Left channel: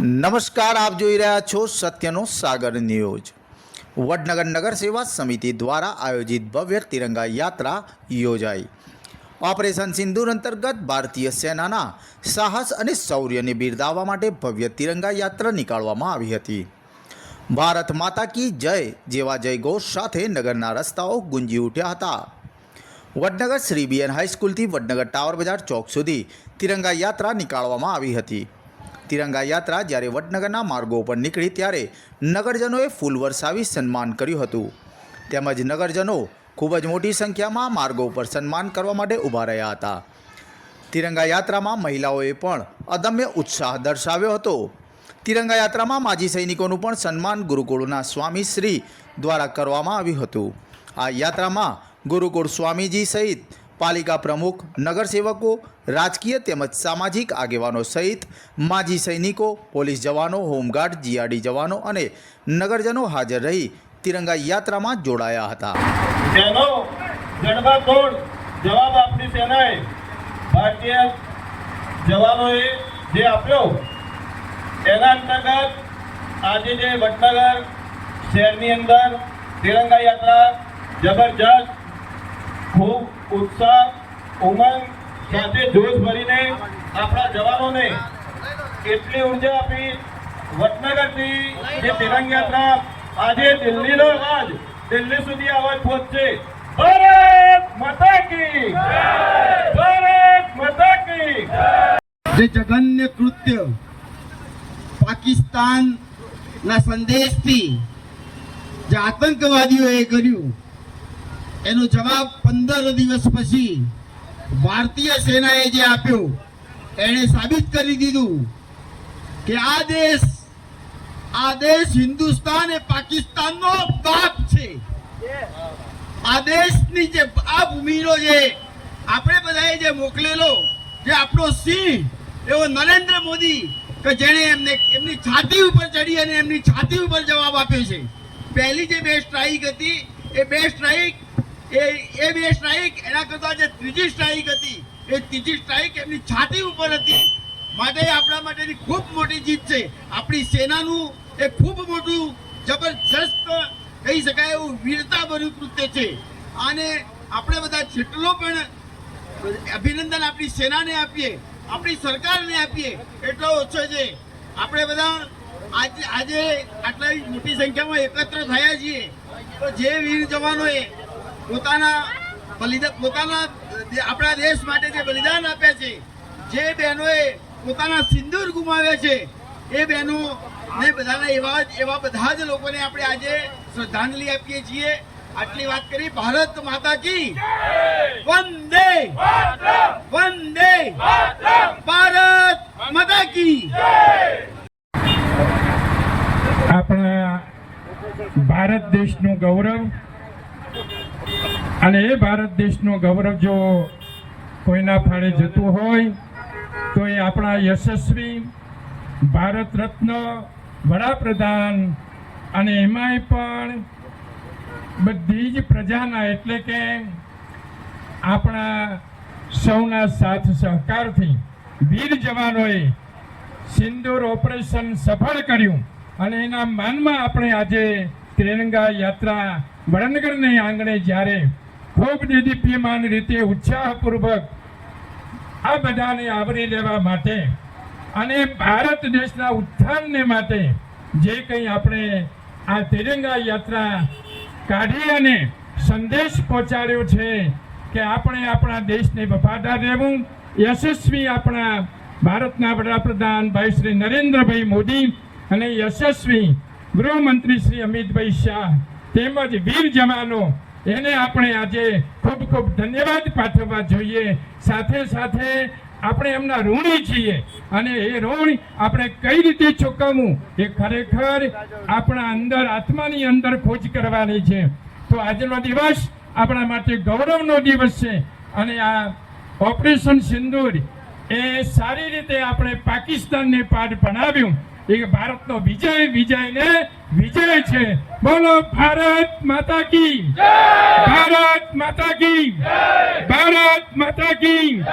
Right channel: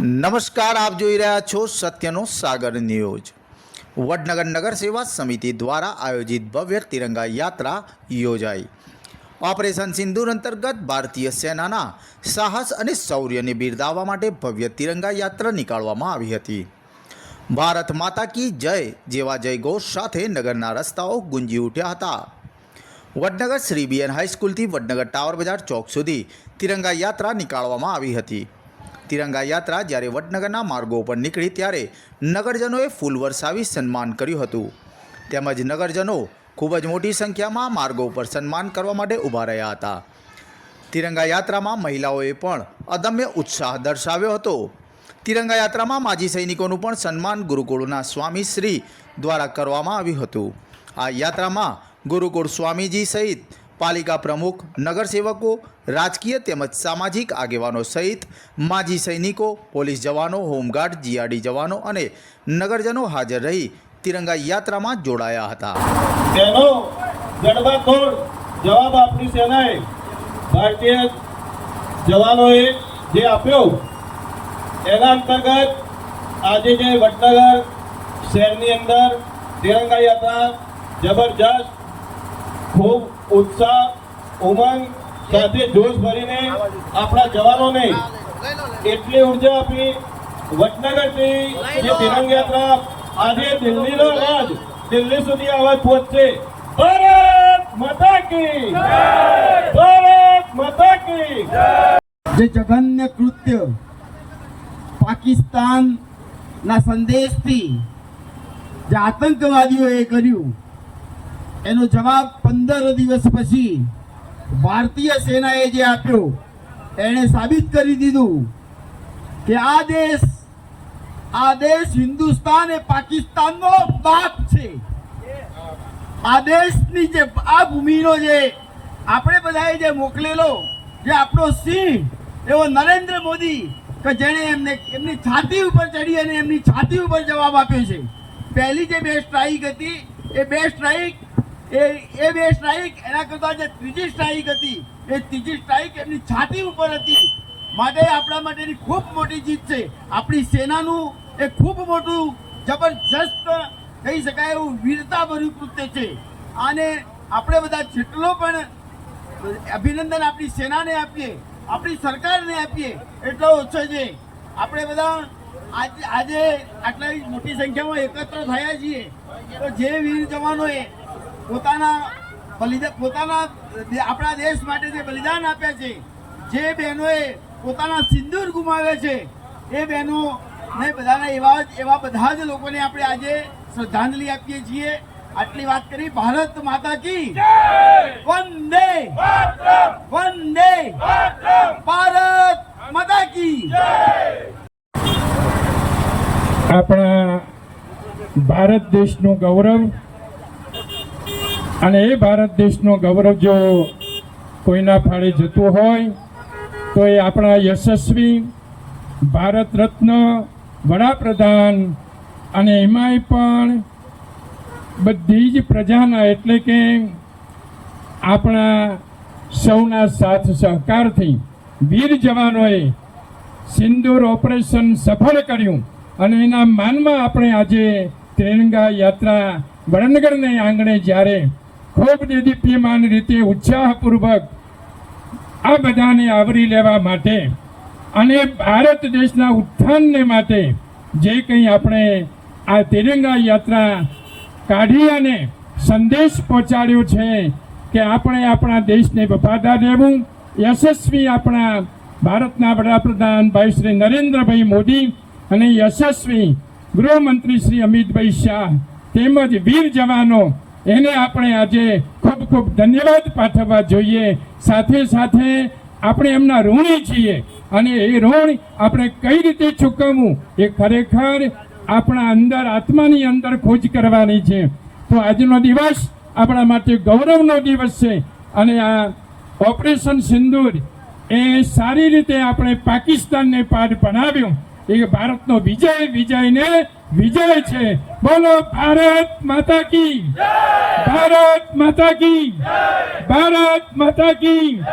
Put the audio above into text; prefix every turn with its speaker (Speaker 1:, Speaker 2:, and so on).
Speaker 1: નમસ્કાર, આપ જોઈ રહ્યા છો સત્યનો સાગર ન્યૂઝ. વડનગર નગર સેવા સમિતિ દ્વારા આયોજિત ભવ્ય તિરંગા યાત્રા યોજાઈ. ઓપરેશન સિંદૂર અંતર્ગત ભારતીય સેનાના સાહસ અને શૌર્યને બિરદાવવા માટે ભવ્ય તિરંગા યાત્રા નીકાળવામાં આવી હતી. ભારત માતા કી જય જેવા જયઘોષ સાથે નગરના રસ્તાઓ ગુંજી ઉઠ્યા હતા. વડનગર શ્રી બીએન હાઈસ્કૂલથી વડનગર ટાવર બજાર ચોક સુધી તિરંગા યાત્રા નીકાળવામાં આવી હતી. તિરંગા યાત્રા જ્યારે વડનગરના માર્ગો પર નીકળી ત્યારે નગરજનોએ ફૂલ વરસાવી સન્માન કર્યું હતું. તેમજ નગરજનો ખૂબ જ મોટી સંખ્યામાં માર્ગો પર સન્માન કરવા માટે ઊભા રહ્યા હતા. તિરંગા યાત્રામાં મહિલાઓએ પણ અદમ્ય ઉત્સાહ દર્શાવ્યો હતો. તિરંગા યાત્રામાં માજી સૈનિકોનું પણ સન્માન ગુરુકુળના સ્વામી શ્રી દ્વારા કરવામાં આવ્યું હતું. આ યાત્રામાં ગુરુકુળ સ્વામીજી સહિત પાલિકા પ્રમુખ, નગરસેવકો, રાજકીય તેમજ સામાજિક આગેવાનો સહિત માજી સૈનિકો, પોલીસ જવાનો, હોમગાર્ડ, જીઆરડી જવાનો અને નગરજનો હાજર રહી તિરંગા યાત્રામાં જોડાયા હતા.
Speaker 2: જવાબ આપણી સેનાએ ભારતીય જવાનોએ જે આપ્યો તેના અંતર્ગત આજે જે વડનગર શહેરની અંદર તિરંગા યાત્રા જબરજસ્ત ખૂબ ઉત્સાહ, ઉમંગ સાથે જોશ ભરીને આપણા જવાનોને એટલી ઊર્જા આપી વટનગરથી જે તિરંગ યાત્રા આજે દિલ્હીનો અવાજ દિલ્હી સુધી અવાજ પહોંચશે. ભારત માતા કી ભારત માતા કી
Speaker 3: જે જઘન્ય કૃત્ય પાકિસ્તાનના સંદેશથી જે આતંકવાદીઓએ કર્યું એનો જવાબ પંદર દિવસ પછી ભારતીય સેનાએ જે આપ્યો, એણે સાબિત કરી દીધું કે આ દેશ આ દેશ હિન્દુસ્તાન એ પાકિસ્તાનનો બાપ છે. આ દેશની જે, આ ભૂમિનો જે આપણે બધાએ જે મોકલેલો, જે આપણો સિંહ, એવો નરેન્દ્ર મોદી, કે જેણે એમને, એમની છાતી ઉપર ચડી અને એમની છાતી ઉપર જવાબ આપ્યો છે. પહેલી જે બે સ્ટ્રાઇક હતી, એ બે સ્ટ્રાઇક એ એ બે સ્ટ્રાઇક એના કરતાં જે ત્રીજી સ્ટ્રાઇક હતી, એ ત્રીજી સ્ટ્રાઇક એમની છાતી ઉપર હતી. માટે આપણા માટેની ખૂબ મોટી જીત છે. આપણી સેનાનું એ ખૂબ મોટું જબરજસ્ત કહી શકાય એવું વીરતાભર્યું કૃત્ય છે. અને આપણે બધા જેટલો પણ અભિનંદન આપણી સેનાને આપીએ, આપણી સરકારને આપીએ, એટલો ઓછો છે. આપણે બધા આજે આજે આટલા મોટી સંખ્યામાં એકત્ર થયા છીએ. તો જે વીર જવાનોએ પોતાના બલિદાન પોતાના આપણા દેશ માટે જે બલિદાન આપ્યા છે, જે બહેનોએ પોતાના સિંદૂર ગુમાવ્યા છે, એ બહેનો ને બધાના એવા એવા બધા જ લોકોને આપણે આજે શ્રદ્ધાંજલિ આપીએ છીએ. આટલી વાત કરી, ભારત માતા કી વંદે! વંદે! ભારત માતા કી
Speaker 4: આપણા ભારત દેશનું ગૌરવ અને એ ભારત દેશનો ગૌરવ જો કોઈના ફાળે જતું હોય, તો એ આપણા યશસ્વી ભારત રત્ન વડાપ્રધાન અને એમાંય પણ બધી જ પ્રજાના એટલે કે આપણા સૌના સાથ સહકારથી વીર જવાનોએ સિંદૂર ઓપરેશન સફળ કર્યું અને એના માનમાં આપણે આજે ત્રિરંગા યાત્રા વડનગરને આંગણે જ્યારે ખૂબ દીદીપ્યમાન રીતે ઉત્સાહપૂર્વક આ બધાને આવરી લેવા માટે અને ભારત દેશના ઉત્થાનને માટે જે કંઈ આપણે આ તિરંગા યાત્રા કાઢી અને સંદેશ પહોંચાડ્યો છે કે આપણે આપણા દેશને વફાદાર રહેવું, યશસ્વી આપણા ભારતના વડાપ્રધાન ભાઈ શ્રી નરેન્દ્રભાઈ મોદી અને યશસ્વી ગૃહમંત્રી શ્રી અમિતભાઈ શાહ તેમજ વીર જવાનો એને આપણે આજે ખૂબ ખૂબ ધન્યવાદ પાઠવવા જોઈએ. સાથે સાથે આપણે એમના ઋણી છીએ અને એ ઋણ આપણે કઈ રીતે ચૂકવવું એ ખરેખર આપણા અંદર આત્માની અંદર ખોજ કરવાની છે. તો આજનો દિવસ આપણા માટે ગૌરવનો દિવસ છે અને આ ઓપરેશન સિંદૂર એ સારી રીતે આપણે પાકિસ્તાનને પાઠ ભણાવ્યું એ ભારતનો વિજય વિજય ને વિજય છે. બોલો ભારત માતા કી. ભારત માતા કી. ભારત માતા કી.